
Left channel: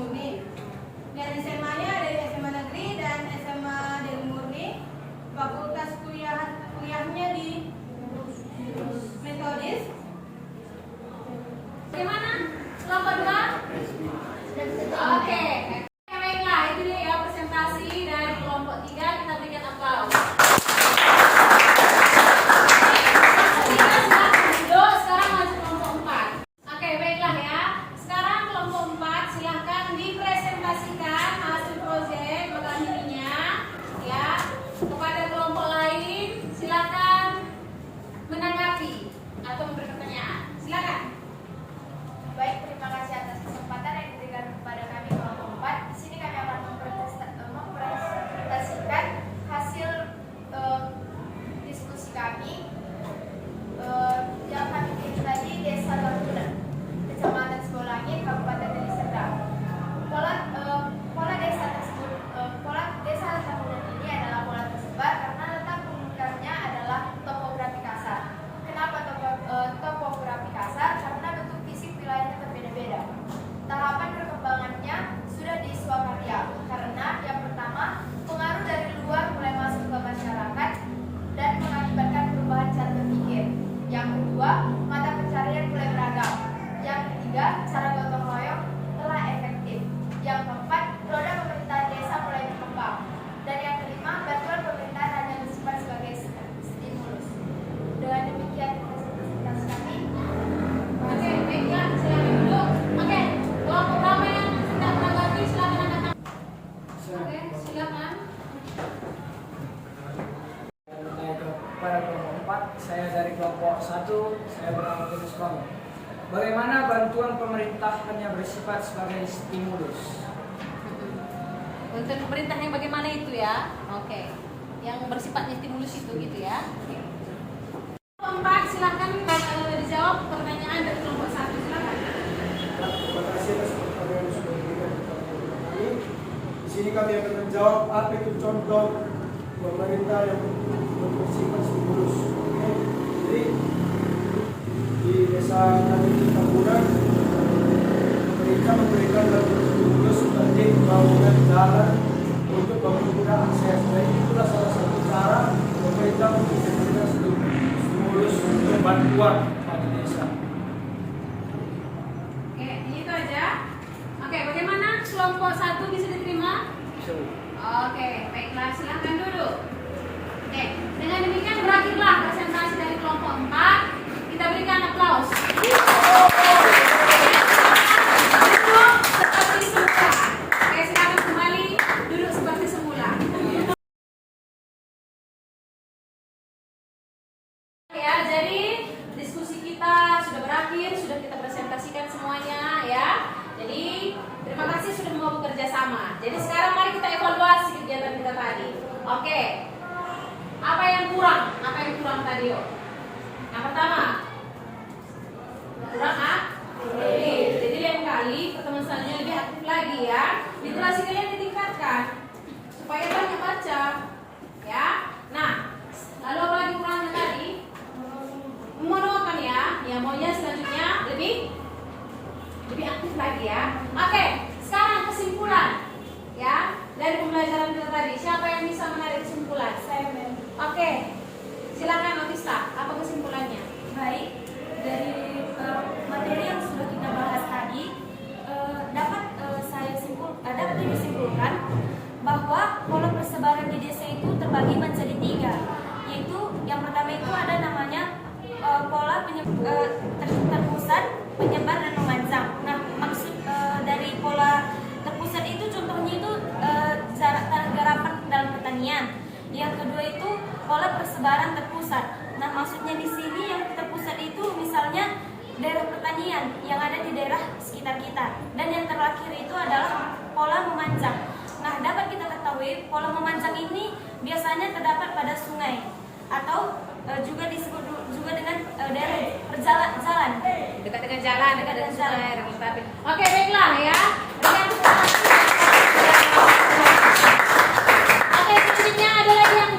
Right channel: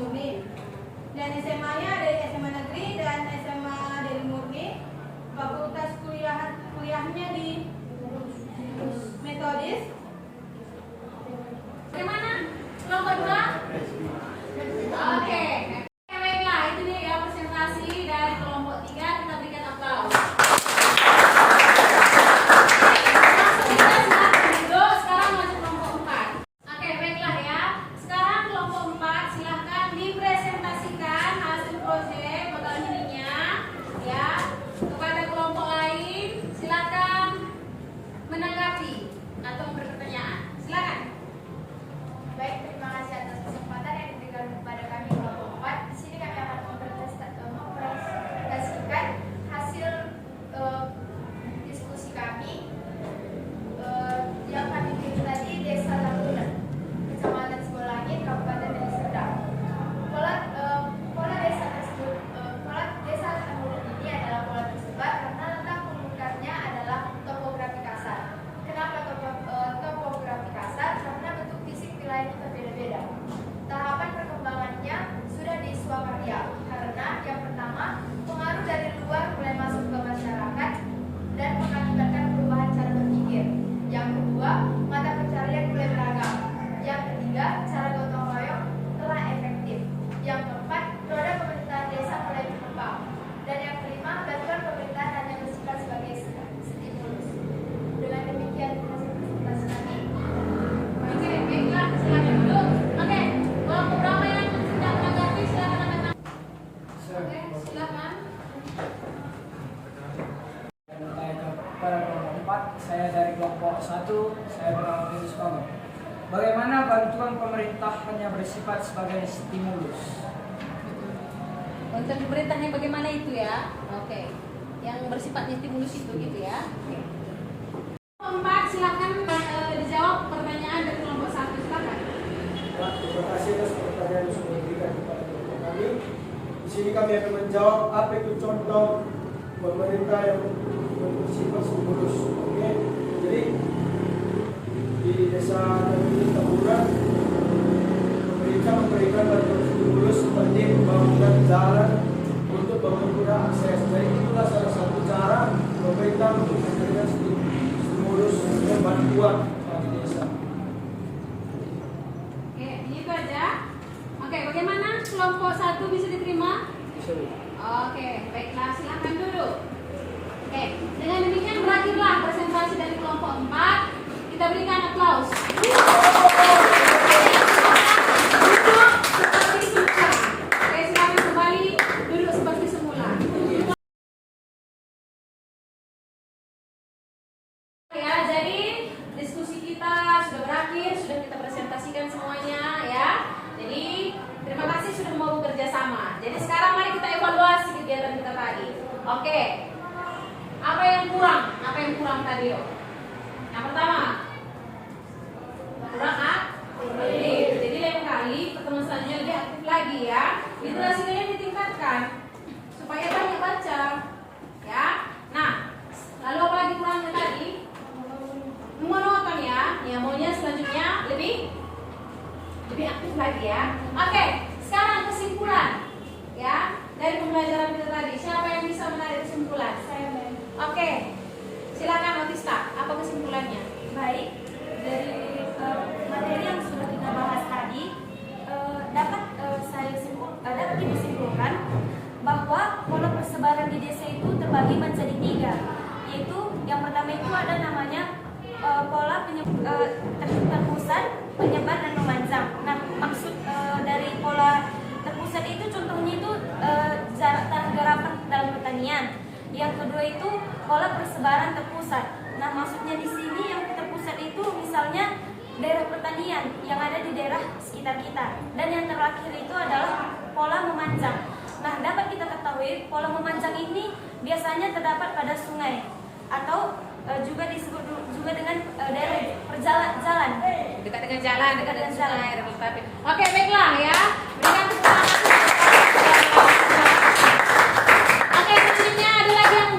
kepada kelompok 4. Saya dari kelompok 1, saya bernama Venus Pamuk. Bagaimana bantuan pemerintah hanya bersifat sebagai stimulus? Untuk pemerintah yang bagaimana itu ya? Oke. Yang bersifatnya stimulus itu gitu ya. Kelompok 4 silakan dijawab pertanyaan dari kelompok 1 silakan. Terima kasih atas pertanyaan yang sudah diberikan kepada kelompok kami. Di sini kami akan menjawab apa itu contoh pemerintah yang bersifat stimulus. Oke. Jadi di desa kami Tambunan, pemerintah memberikan bantuan stimulus seperti pembangunan jalan untuk mempermudah akses. Jadi itulah salah satu cara pemerintah memberikan stimulus untuk bantuan pada desa. Oke, ini itu aja. Oke, bagaimana kelompok 1 bisa diterima? Bisa. Oke, baiklah, silahkan duduk. Oke, dengan demikian berakhirlah presentasi dari kelompok 4. Kita berikan aplaus. Duduk seperti semula. Oke, silakan kembali duduk seperti semula. Ya, jadi diskusi kita sudah berakhir, sudah kita presentasikan semuanya ya. Jadi terima kasih sudah mau bekerja sama. Jadi sekarang mari kita evaluasi kegiatan kita tadi. Oke. Apa yang kurang? Apa yang kurang tadi? Yang pertama, kurang aktif. Jadi lain kali pertemuan selanjutnya lebih aktif lagi ya. Literasi kalian ditingkatkan supaya banyak baca. Ya. Nah, lalu apa lagi kurangnya tadi? Monoton ya. Ya, maunya selanjutnya lebih aktif lagi ya. Oke, sekarang kesimpulan ya dari pembelajaran kita tadi. Siapa yang bisa menarik kesimpulan? Saya. Oke, silakan Otista. Apa kesimpulannya? Baik, dari materi yang sudah kita bahas tadi dapat disimpulkan bahwa pola persebaran di desa itu terbagi menjadi 3, yaitu yang pertama itu ada namanya pola terpusat, penyebar dan memanjang. Nah, maksud dari pola terpusat itu contohnya itu jarak garapan dalam pertanian. Yang kedua itu pola persebaran terpusat. Nah, maksudnya di sini yang terpusat itu misalnya daerah pertanian yang ada di daerah sekitar kita. Dan yang terakhir itu adalah pola memanjang. Nah, dapat kita ketahui pola memanjang ini biasanya terdapat pada sungai atau juga disebut juga dengan daerah jalan. Dekat dengan jalan, dekat dengan sungai. Oke, baiklah ya. Berikan tepuk Oke, selanjutnya ada lagi yang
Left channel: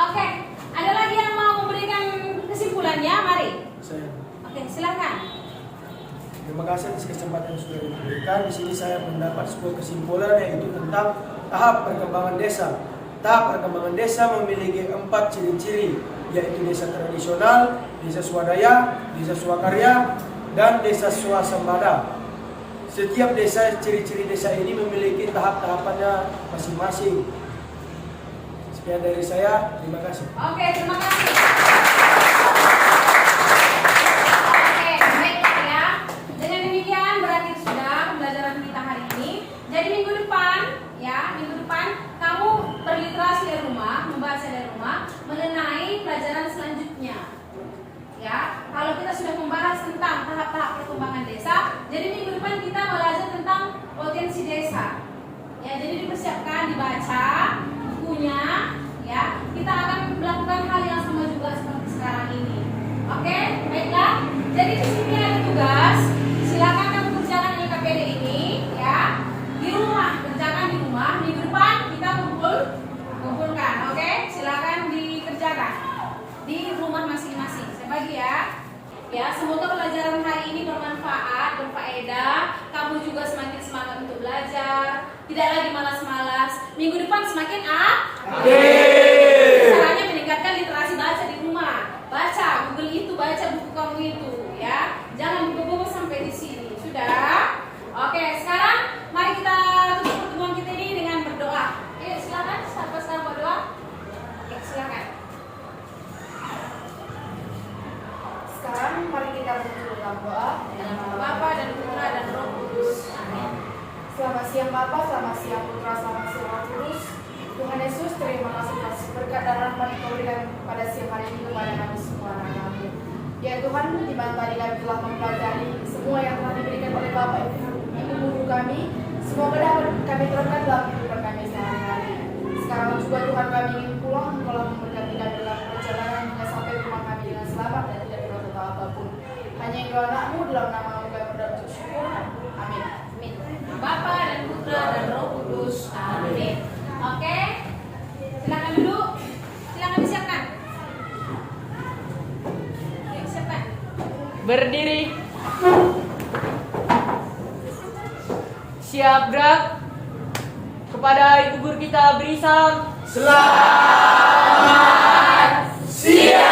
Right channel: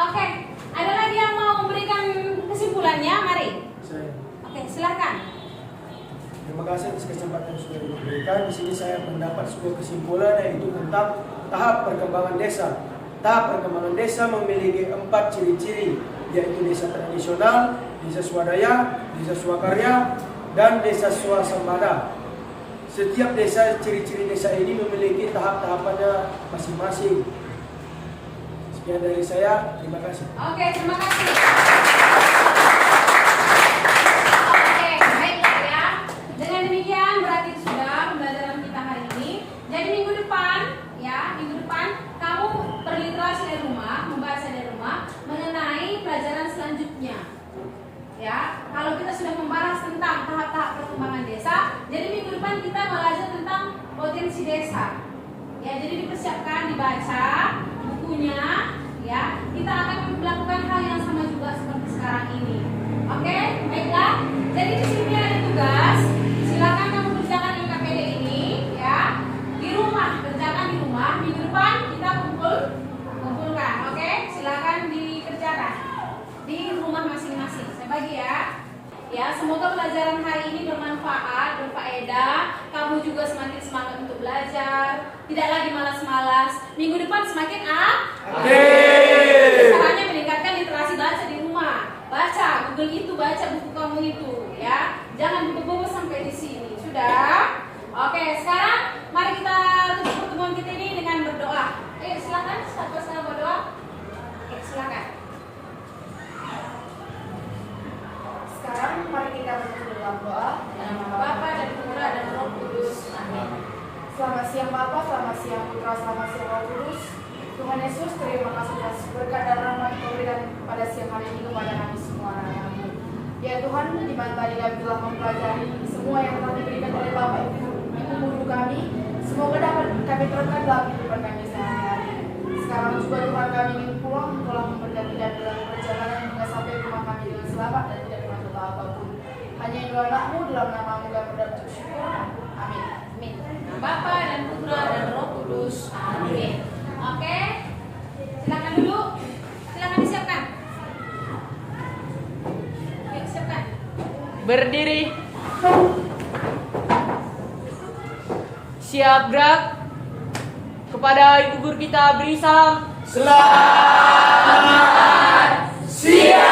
Oke, ada lagi yang mau memberikan kesimpulannya? Mari. Oke, silakan. Terima kasih atas kesempatan yang sudah diberikan. Di sini saya mendapat sebuah kesimpulan yaitu tentang tahap perkembangan desa. Tahap perkembangan desa memiliki 4 ciri-ciri, yaitu desa tradisional, desa swadaya, desa swakarya, dan desa swasembada. Setiap desa, ciri-ciri desa ini memiliki tahap-tahapannya masing-masing. Sekian dari saya, terima kasih. Oke, terima kasih. Oke, baiklah ya. Dengan demikian berakhir sudah pembelajaran kita hari ini. Jadi minggu depan kamu berliterasi dari rumah, membaca dari rumah mengenai pelajaran selanjutnya. Ya, kalau kita sudah membahas tentang tahap-tahap perkembangan desa, jadi minggu depan kita belajar tentang potensi desa. Ya, jadi dipersiapkan dibaca bukunya. Ya, kita akan melakukan hal yang sama juga seperti sekarang ini. Oke, baiklah. Jadi di sini ada tugas. Silakan kamu kerjakan IKPD ini, ya. Di rumah, kerjakan di rumah. Minggu depan kita kumpulkan. Oke, silakan dikerjakan di rumah masing-masing. Saya bagi ya. Ya, semoga pelajaran hari ini bermanfaat, berfaedah. Kamu juga semakin semangat untuk belajar. Tidak lagi malas-malas. Minggu depan semakin caranya meningkatkan literasi baca di rumah. Baca Google itu, baca buku kamu itu, ya. Jangan dibawa sampai di sini. Sudah? Oke, sekarang mari kita tutup pertemuan kita ini dengan berdoa. Ayo silakan, siapa sekarang berdoa? Oke, silakan. Sekarang mari kita berdoa dalam doa. Dalam nama Bapa dan Putra dan Roh Kudus. Amin. Selamat siang Bapa, selamat siang Putra, selamat siang Roh Kudus. Tuhan Yesus, terima kasih atas berkat dan rahmat yang kau berikan pada siang hari ini kepada Ya Tuhan, di mana tadi kami telah mempelajari semua yang telah diberikan oleh Bapak Ibu guru kami, semoga dapat kami terapkan dalam kehidupan kami sehari-hari. Sekarang juga Tuhan, kami ingin pulang, Engkaulah memberkati kami dalam perjalanan hingga sampai rumah kami dengan selamat dan tidak kena dosa apapun. Hanya Engkau anakmu dalam nama-Mu kami berdoa bersyukur. Amin. Amin. Nah, Bapa dan Putra dan Roh Kudus. Amin. Oke. Silakan duduk. Silakan disiapkan. Oke, siapkan. Berdiri. Siap gerak. Kepada Ibu Guru kita beri salam. Selamat siang.